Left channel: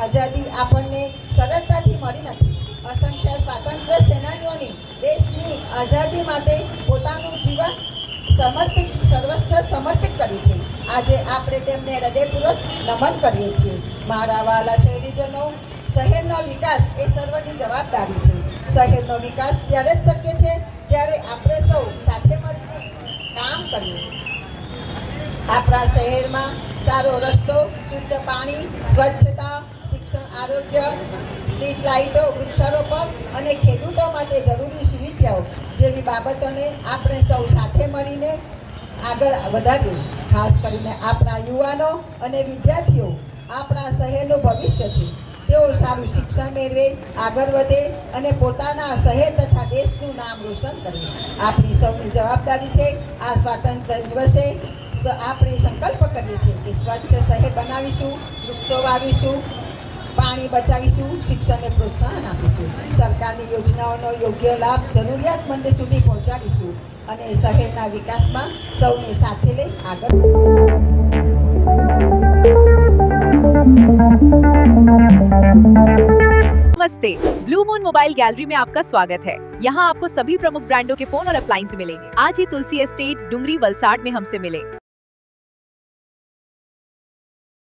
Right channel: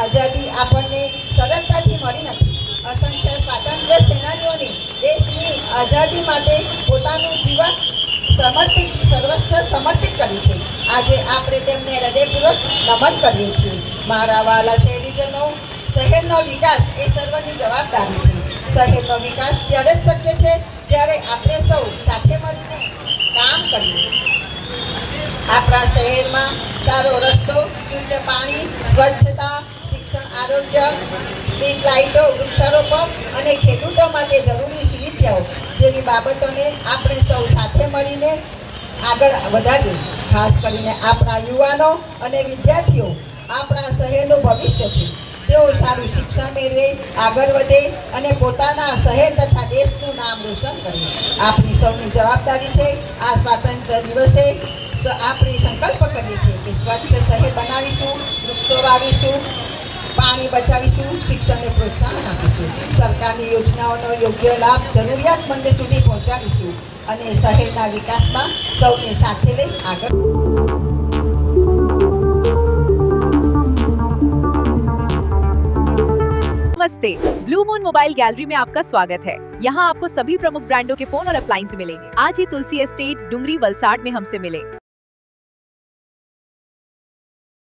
આઝાદી આપણને સરળતાથી મળી નથી. અસંખ્ય સ્વાતંત્ર્ય સેનાનીઓને દેશની આઝાદી માટે પોતાનું જીવન સર્વસ્વ સમર્પિત કર્યું છે. આજે આપણે તેમને હૃદયપૂર્વક નમન કરીએ છીએ. મારા વાલા શહેરીજનો, શહેરનો વિકાસ એ સર્વની જવાબદારી છે. શહેરનો વિકાસ ત્યારે જ શક્ય છે જ્યારે આપણે સૌ સાથે મળીને કામ કરીએ. આપણા શહેરમાં સારો રસ્તો, શુદ્ધ પાણી, સ્વચ્છતા, શિક્ષણ, આરોગ્ય, સ્ટ્રીટ લાઇટો, વૃક્ષારોપણ અને ખેડૂતો માટે જરૂરી સુવિધાઓ જેવી બાબતોને આપણે સૌ સાથે મળીને આગળ વધારીએ. ખાસ કરીને આપણા યુવાનો અને વિદ્યાર્થીઓ આપણા શહેરનું ભવિષ્ય છે. તેઓ સારું શિક્ષણ મેળવે, આગળ વધે અને પોતાના શહેર તથા દેશનું નામ રોશન કરે. આપણી સૌની જવાબદારી છે. આ સ્વાતંત્ર્ય દિવસે આપણે સંકલ્પ કરીએ છીએ કે સ્વચ્છ શહેર બનાવીશું, વૃક્ષો વાવીશું, પાણી બચાવીશું, શિક્ષણને પ્રોત્સાહન આપીશું, સરકારની યોજનાઓનો યોગ્ય લાભ જરૂરિયાતમંદ સુધી પહોંચાડીશું અને શહેરના વિકાસમાં સૌને સાથે લઈ આગળ. नमस्ते, ब्लू मून मोबाइल गैलरी में आपका स्वागत है। यहाँ आपको सभी प्रमुख ब्रांडों के फोन और अप्लायंस मिलेंगे। आज ही तुलसी एस्टेट, डुंगरी, वलसाड में हमसे मिले।